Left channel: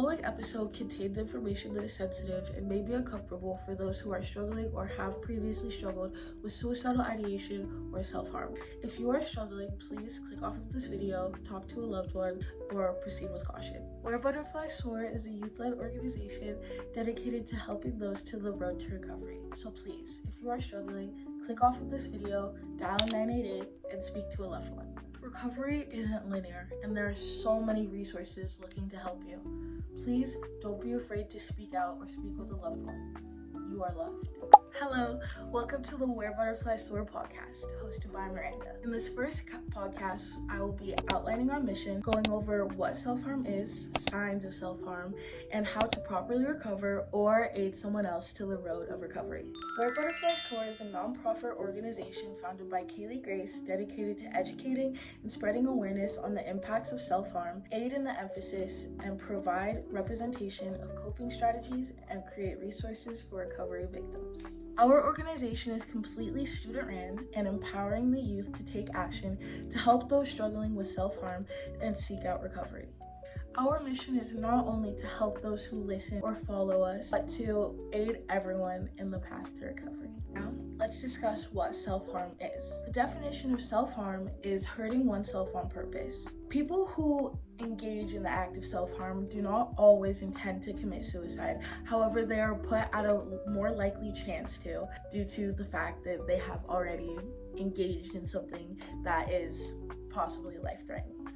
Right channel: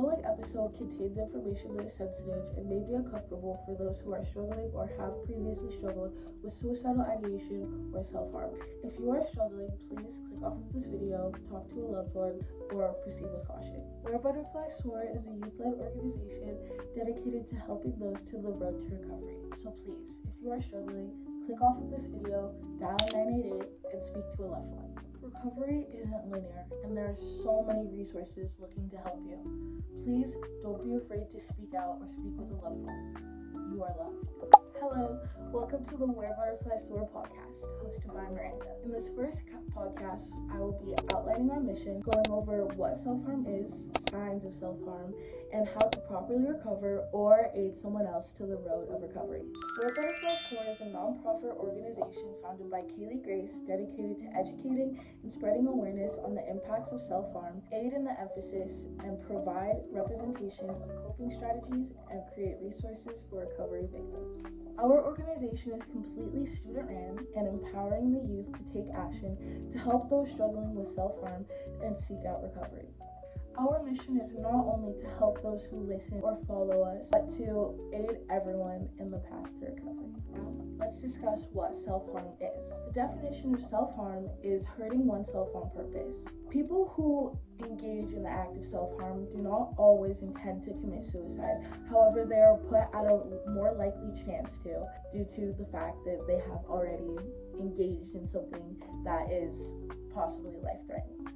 following episode contains information that is sensitive and may be uncomfortable for those who are struggling or have previously struggled with suicidal ideation or self-harm. If you are struggling, please click off of this video, talk to a loved one, or proceed with caution. Where Butterflies Soar is a youth-led organization dedicated to helping those to the road to recovery. So please, if you are struggling, click off of this video, dial 988, and speak to a loved one. Recovery isn't linear, and there are so many resources looking to help you. Please don't be afraid to speak out or speak with a loved one. You are loved. Hello, welcome to the Where Butterflies Soar podcast, hosted by Miranda. In this first podcast, I will be outlining our mission, going over what self-harm is, signs of self-harm, and how to properly recover or aid someone else to the road of recovery. Where Butterflies Soar is a non-profit organization founded by Kaylee Grace, dedicated to educating and spreading awareness on the impacts of self-harm, aid in the emphasis, and provide representation of coping strategies and create resources for recovery victims. Our organization is completely student-run and empowering the youth to take action to help those struggling with self-harm and seek out recovery. Our mission is not only to help those who listen or follow us, but to aid everyone in the path to recovery. Now, let's discuss what self-harm is. The definition of self-harm is hurting oneself on purpose. People who engage in the act of self-harm do not always intend to commit suicide. However, they are put at a more likely chance to, due to the fact that they have already engaged in something that is possibly life-threatening.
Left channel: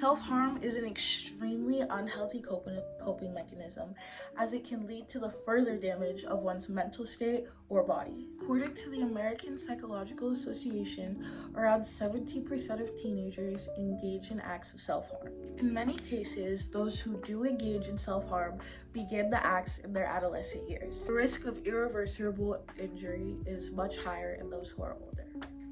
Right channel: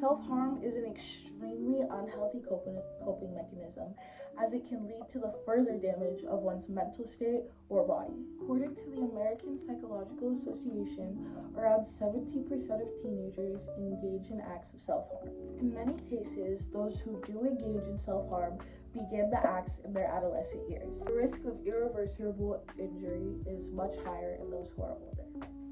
Self-harm is an extremely unhealthy coping mechanism, as it can lead to the further damage of one's mental state or body. According to the American Psychological Association, around 70% of teenagers engage in acts of self-harm. In many cases, those who do engage in self-harm begin the acts in their adolescent years. The risk of irreversible injury is much higher in those who are older.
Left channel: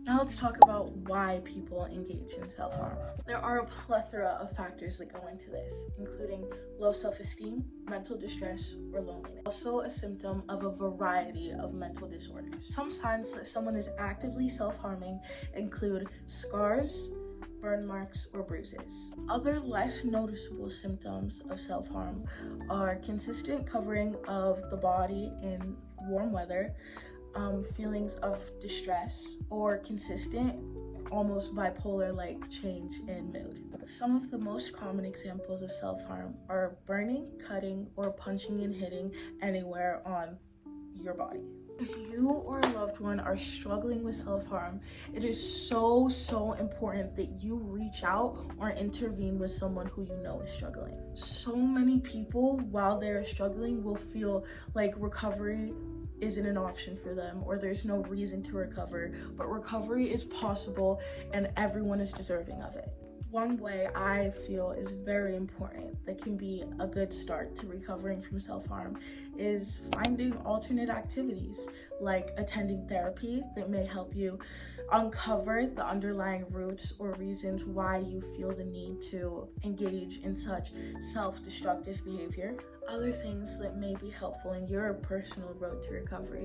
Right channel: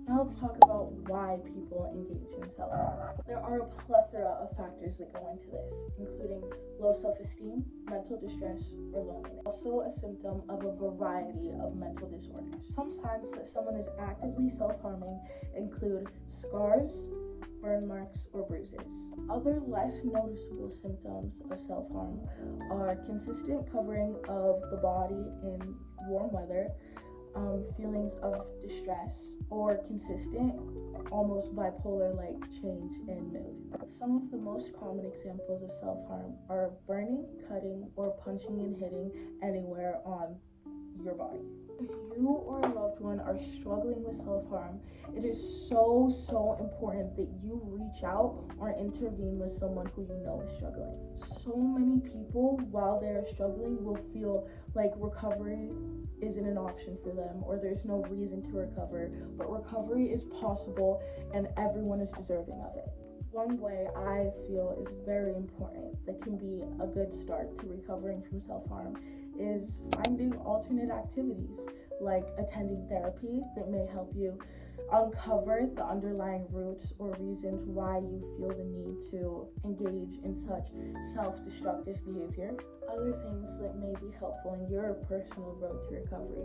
Now let's talk about why people engage in self-harm. There are a plethora of factors that go into this, including low self-esteem, mental distress, or loneliness. Also a symptom of a variety of mental disorders. Some signs that someone is actively self-harming include scars, burn marks, or bruises. Other less noticeable symptoms of self-harm are consistent covering of the body in warm weather, feelings of distress, or consistent, almost bipolar-like change in mood. Some of the most common examples of self-harm are burning, cutting, or punching and hitting anywhere on your body. If you or a loved one are struggling with self-harm, it is so important that you reach out or intervene with someone who you know is struggling. So many people, while they're struggling, will feel like recovery isn't an option for them, or there's no reason to recover, but recovery is possible and everyone is deserving of it. One way I feel is very important that can be a good start to recovering from self-harm is finding alternate activities, like attending therapy that may help you uncover the underlying roots or reasons why you feel the need to engage in such self-destructive behavior. Other things that may be helpful in your personal road to recovery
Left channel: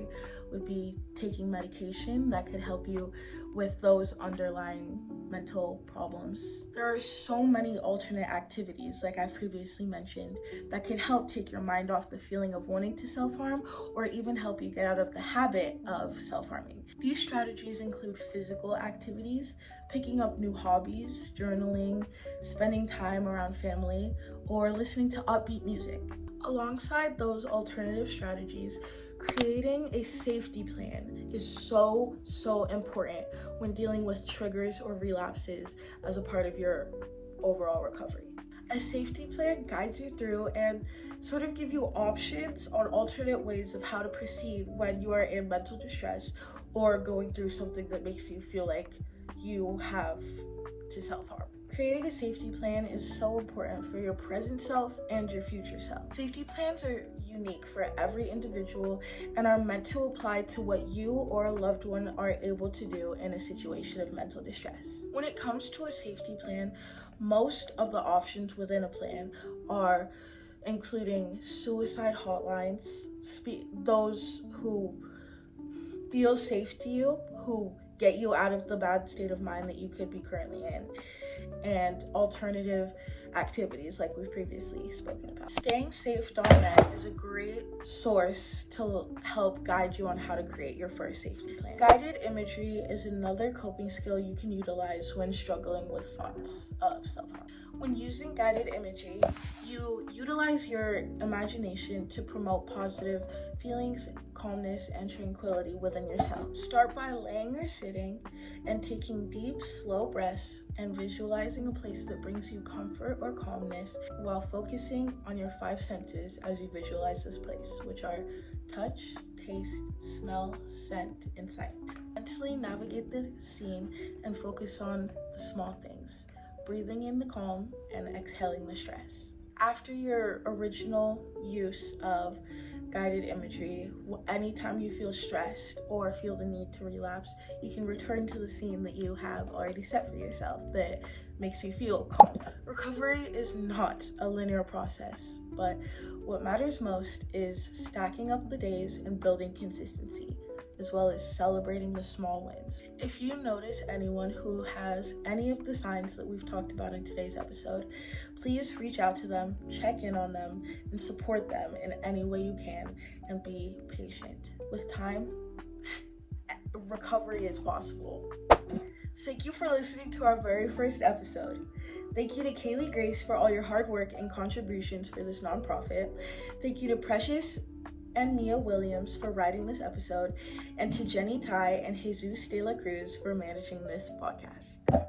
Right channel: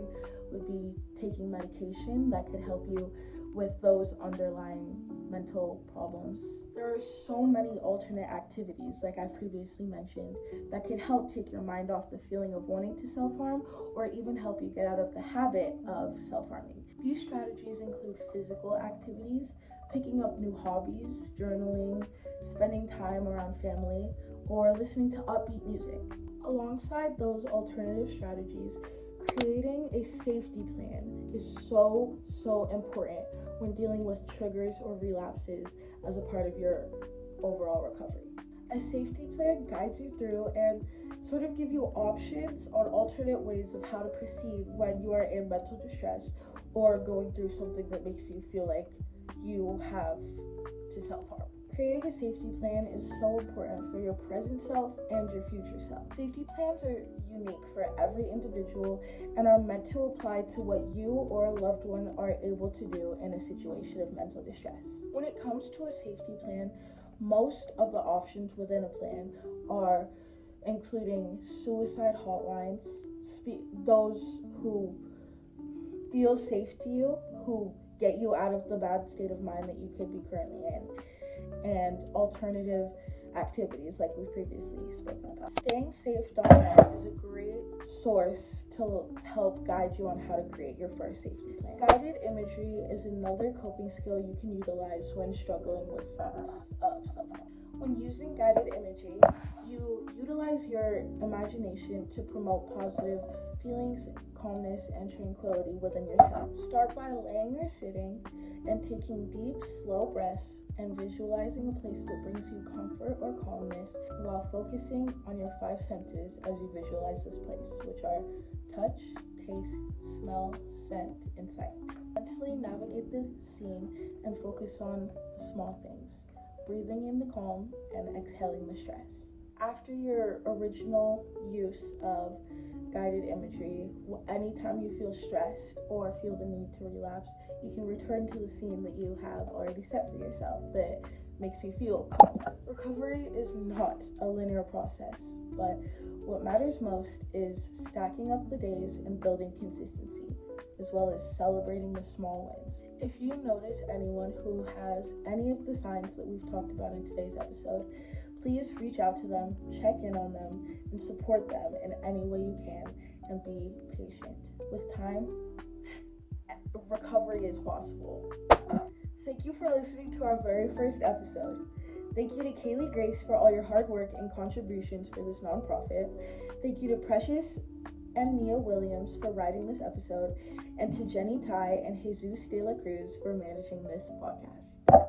would be taking medication that could help you with those underlying mental problems. There are so many alternate activities, like I previously mentioned, that could help take your mind off the feeling of wanting to self-harm or even help you get out of the habit of self-harming. These strategies include physical activities, picking up new hobbies, journaling, spending time around family, or listening to upbeat music. Alongside those alternative strategies, creating a safety plan is so important when dealing with triggers or relapses as a part of your overall recovery. A safety plan guides you through and sort of give you options on alternate ways of how to proceed when you are in mental distress or going through something that makes you feel like you have to self-harm. Creating a safety plan is so important for your present self and your future self. Safety plans are unique for every individual and are meant to apply to what you or a loved one are able to do in a situation of mental distress. When it comes to a safety plan, most of the options within a plan are including suicide hotlines, those who feel safe to you, who get you out of the bad state of mind that you could be currently in, and alternative activities like we've previously spoken about. Stayingsafe.net is a great source to help guide you on how to create your first safety plan. Guided imagery is another coping skill you can utilize when struggling with thoughts of self-harm. When using guided imagery, you utilize your imagination to promote positive feelings, calmness, and tranquility within yourself. Start by laying or sitting and taking deep, slow breaths and visualizing a place that brings you comfort or calmness while focusing on your 5 senses as you visualize this place, which are touch, taste, smell, scent, and sight. Mentally navigate the scene and focus on the small things, breathing in the calm and exhaling the stress. After your original use of guided imagery, anytime you feel stressed or feel the need to relapse, you can return to the scene that you have already set for yourself that makes you feel calm. Recovery is not a linear process, but what matters most is stacking up the days and building consistency, as well as celebrating the small wins. If you notice anyone who has any of the signs that we've talked about in today's episode, please reach out to them, check in on them, and support them in any way you can, and be patient. With time, recovery is possible. Thank you for listening to our very first episode. Thank you to Kaylee Grace for all your hard work and contributions for this nonprofit. Thank you to Precious and Mia Williams for writing this episode, and to Jenny Ty and Jesus de la Cruz for managing this podcast.